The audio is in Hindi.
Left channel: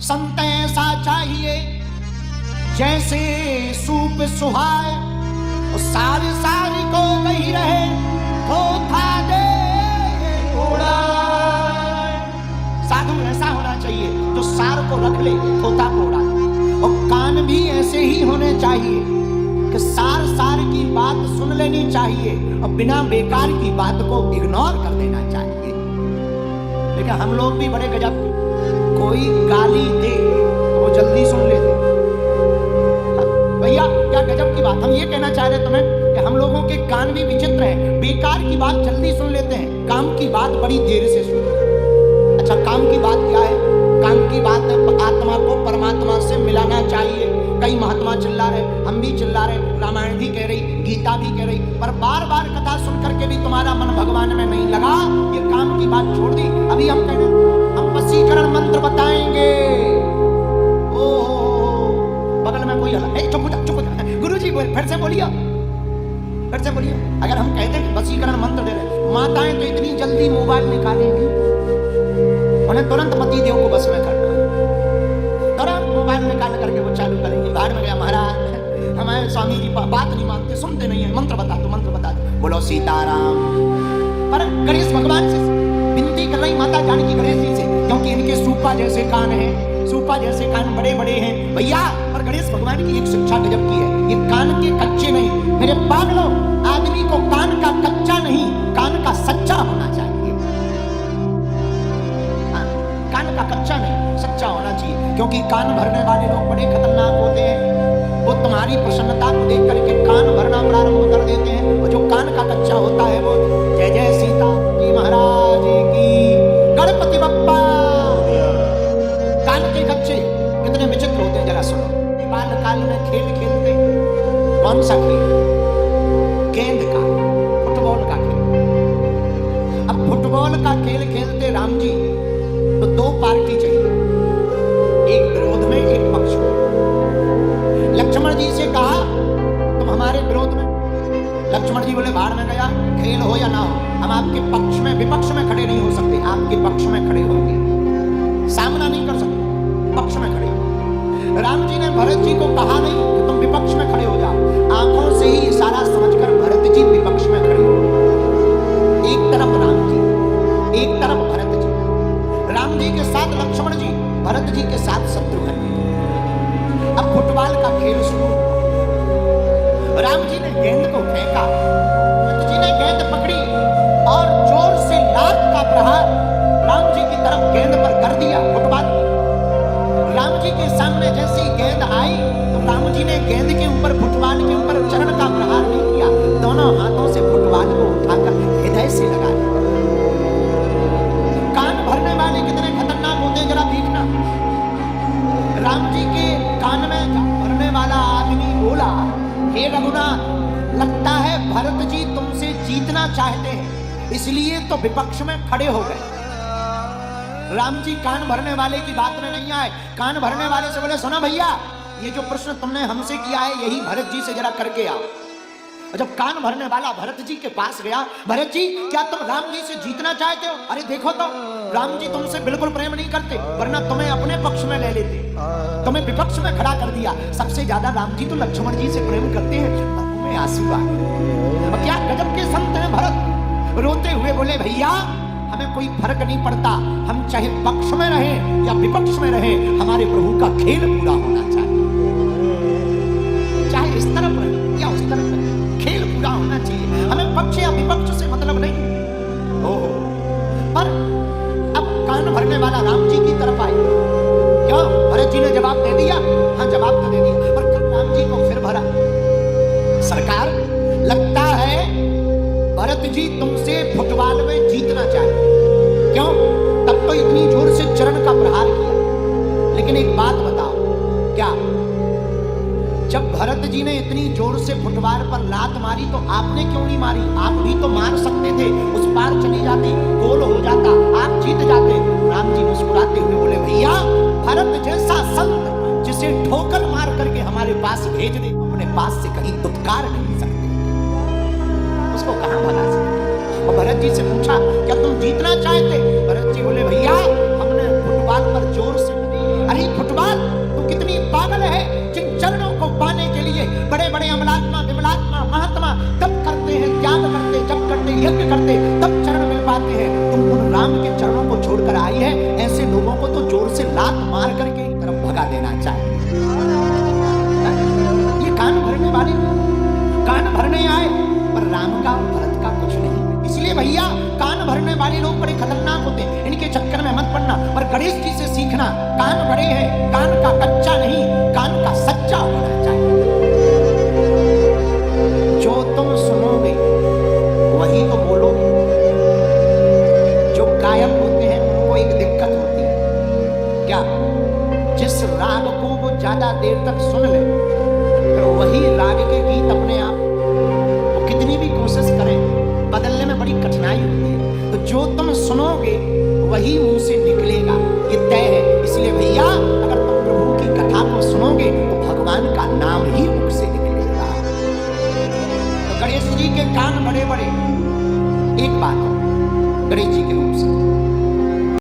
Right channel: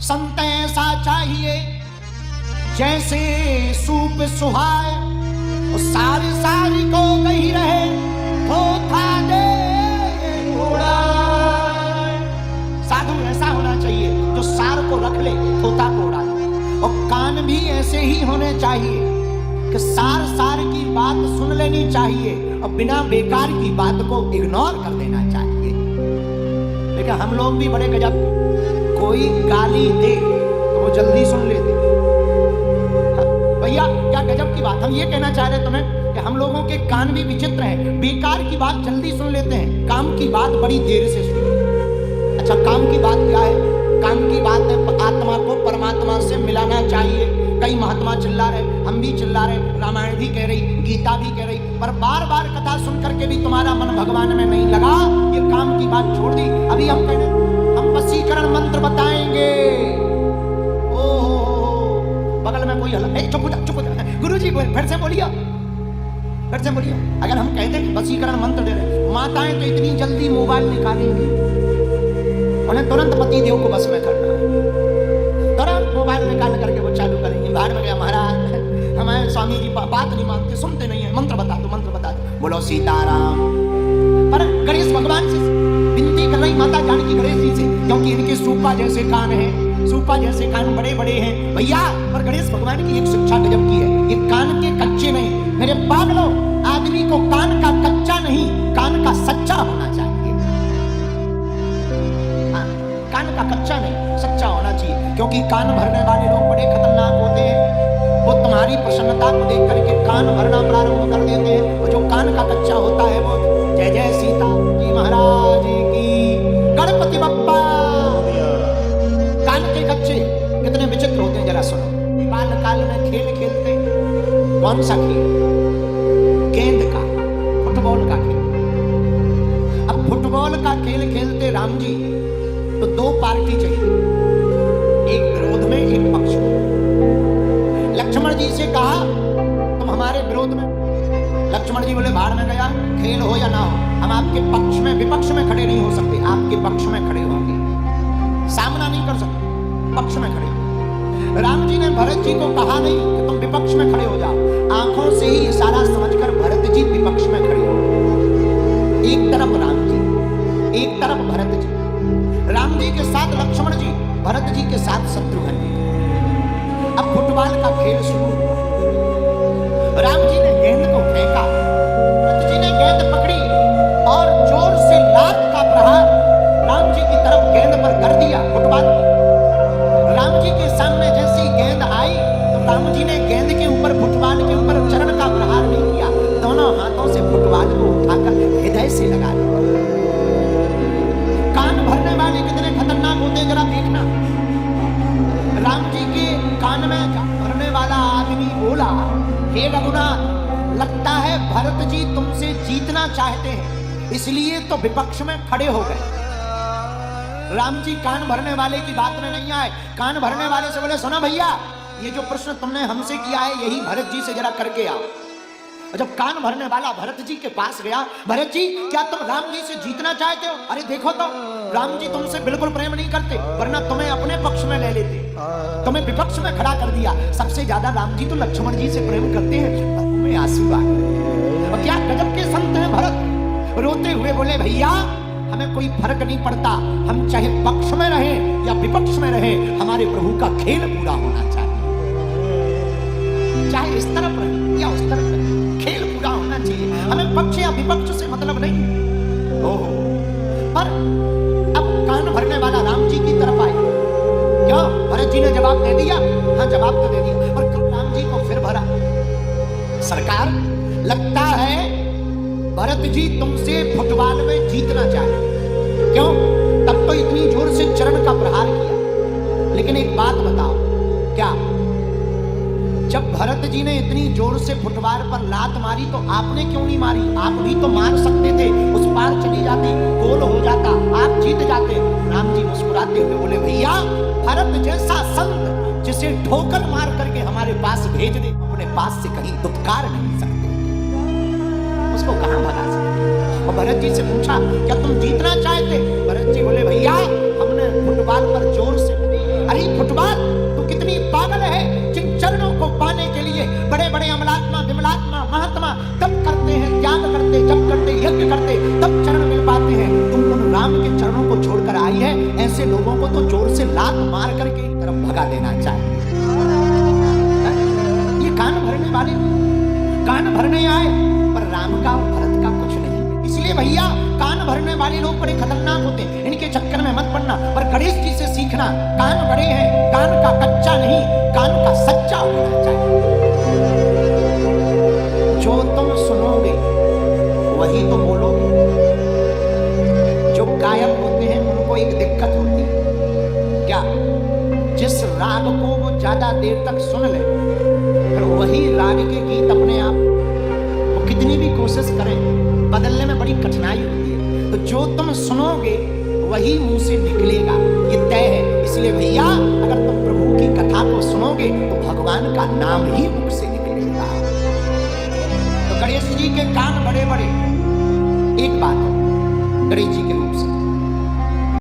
संत ऐसा चाहिए जैसे सूप सुहाए, सारी सारी को गही रहे थोथा दे उड़ाए। साधु ऐसा होना चाहिए जो सार को रख ले थोथा को उड़ा दे। और कान भी ऐसे ही होने चाहिए कि सार सार की बात सुन लेनी चाहिए और बिना बेकार की बात को इग्नोर कर देना चाहिए। लेकिन हम लोग भी बड़े गजब, कोई गाली दे तो वो जल्दी सुन लेते। भैया क्या गजब की बात, हम ये कहना चाह रहे तुम्हें कि हम लोगों के कान भी विचित्र हैं, बेकार की बात जल्दी सुन लेते हैं, काम की बात बड़ी देर से सुनते। अच्छा काम की बात क्या है? काम की बात है आत्मा को परमात्मा से मिलाना चाहिए। कई महात्मा चिल्ला रहे, हम भी चिल्ला रहे, रामायण भी कह रही, गीता भी कह रही, पर बार बार कथा सुन करके भी तुम्हारा मन भगवान में नहीं लगा, ये काम की बात छोड़ दी। अभी हम कह रहे हम वशीकरण मंत्र बताएंगे। ओहो बगल में कोई हला, चुप हो जा गुरुजी फिर से बोलिए, फिर से बोलिए। अगर हम कहते हैं वशीकरण मंत्र दे रहे, माताएं तो इतनी जल्दी मोबाइल निकालेंगी, उन्हें तुरंत पति देव को बस में करना है, तुरंत मोबाइल निकाल करके वो चालू करेंगे। बाहर में गया महाराज हमारे स्वामी जी बात नहीं मानते, सुनते नहीं है, मंत्र बता दो, बोलो सीताराम। पर गणेश भगवान से विनती कर रही माता जानकी गणेश जी से, क्योंकि इनके सूपा जैसे कान हैं, सूपा जैसे कान बड़े बड़े हैं भैया। पर गणेश भगवान की एक शिक्षा गजब की है, ये कान के कच्चे नहीं, मेरे पागलों, आदमी को कान का कच्चा नहीं, कान का सच्चा होना चाहिए। कान का कच्चा नहीं, सच्चा होना चाहिए, क्योंकि कान भरने वाले लोग बड़े खतरनाक होते हैं। वो तुम्हारी प्रसन्नता को देख करके कान भरना प्रारंभ कर देते हैं, और जो कान का कच्चा होता है वो जय जय सीता जी महाराज की, गणपति बप्पा। कान के कच्चे कितने विचित्र होते हैं जरा सुनो। बाल काल में खेल खेलते, कौन सा खेल? गेंद का, फुटबॉल का खेल। अब फुटबॉल का खेल खेलते राम जी तो दो पार्टी चाहिए, एक विरोध में एक पक्ष में। लक्ष्मण जी से कहा तुम हमारे विरोध में, लक्ष्मण जी बोले भाड़ में गया, खेल हो या ना हो हम आपके पक्ष में, विपक्ष में खड़े नहीं हो सकते, आपके पक्ष में खड़े होंगे, सामना नहीं कर सकते, पक्ष में खड़े हो। राम जी ने भरत जी को कहा नहीं कि तुम विपक्ष में खड़े हो जाओ, आंखों से ही इशारा समझकर भरत जी विपक्ष में खड़े हो। एक तरफ राम जी, एक तरफ भरत जी, राम जी के साथ लक्ष्मण जी, भरत जी के साथ शत्रुघ्न जी। अब फुटबॉल का खेल शुरू हुआ। राम जी ने गेंद को फेंका, भरत जी ने गेंद पकड़ी और जोर से लात का प्रहार राम जी की तरफ गेंद पर कर दिया। फुटबॉल राम जी के सामने जैसी गेंद आई तो राम जी ने गेंद के ऊपर, फुटबॉल के ऊपर चरण का प्रहार नहीं किया, दोनों हाथों से फुटबॉल को उठाकर हृदय से लगा दिया। कान भरने वाले कितने खतरनाक होते हैं जरा देखना। राम जी के कान में भरने वाला आदमी बोला, हे रघुनाथ, लगता है भरत जी तुमसे जीतना चाहते हैं, इसलिए तो विपक्ष में खड़े हो गए। राम जी कान भरने वाले की बात में नहीं आए, कान भरने वाले से बोले सुना भैया, ये जो प्रश्न तुमने हमसे किया है यही भरत जी से जरा करके आओ। जब कान भरने वाला भरत जी के पास गया, भरत जी क्या तुम राम जी से जीतना चाहते हो? अरे देखो तो राम जी तुमसे बिल्कुल प्रेम नहीं करते, वरना तुम्हें अपने पक्ष में ले लेते, तुम्हें विपक्ष में खड़ा कर दिया। सबसे ज्यादा राम जी तो लक्ष्मण जी से प्रेम करते हैं। में आंसू आ गए। और क्या गजब के संत हैं भरत, रोते हुए बोले भैया हमें कोई फर्क नहीं पड़ता, हम चाहे पक्ष में रहें या विपक्ष में रहें, हमारे प्रभु का खेल पूरा होना चाहिए, चाहे इस तरफ रहे या उस तरफ रहे, खेल पूरा होना चाहिए, हमें पक्ष या विपक्ष से मतलब नहीं। ओह पर अब कान भरने वाला राम जी की तरफ आए, क्यों? भरत जी ने जवाब दे दिया, हाँ जवाब तो दे दिया, पर राम जी को फिर भरा। सरकार लगता है भरत जी तुमसे फुटबॉल में जीतना चाहे, क्यों? तब तो इतनी जोर से चरण का प्रहार किया। लेकिन एक बात बताओ, क्या जब भरत जी ने इतनी जोर से फुटबॉल पर लात मारी तो आपने क्यों नहीं मारी? आप भी तो मार सकते थे, उस पार चली जाती, गोल हो जाता, आप जीत जाते। राम जी मुस्कुराते हुए बोले भैया भरत जैसा संत जिसे ठोकर मार करके हमारे पास भेज दे, अपने पास से कहीं दुत्कार नहीं सकते, उसको कहां भगा सकते? और भरत जी से पूछा क्या तुम जीतना चाहते? भरत जी बोले भैया हमने फुटबॉल पर जोर से, अरे पागल है जिन चरणों को पाने के लिए बड़े बड़े अमलात्मा विमलात्मा महात्मा तप करते हैं, त्याग करते, जप करते, यज्ञ करते, तब चरण मिल पाते हैं। तुम उन राम के चरणों को छोड़कर आई है। ऐसे लोगों को तो जोर से लात मार करके तरफ भगा देना चाहिए। ये कान भरने वाले कान भरने आए, पर राम का और भरत का कुछ नहीं। इसलिए भैया कान भरने वाले लोग बड़े खतरनाक होते हैं, इनके चक्कर में मत पड़ना। पर गणेश जी से सीखना, कान बड़े हैं, कान का कच्चा नहीं, कान का सच्चा होना चाहिए। जो तुम सुनोगे वही तो बोलोगे। जो गायक होते हैं उनको एक दिक्कत होती है, क्या? जिस राग को वो ज्यादा देर तक सुन ले, फिर वही राग के गीत अपने आप वो कितनी भी कोशिश करें बदलने में बड़ी कठिनाई होती है। तो जो तुम सुनोगे वही मुंह से निकलेगा, ये तय है। इसलिए भैया अगर तुम प्रभु की कथा को सुनोगे तो भगवान का नाम ही मुख से निकलेगा। तो गणेश जी के कान बड़े बड़े, एक बात है गणेश जी के रूप से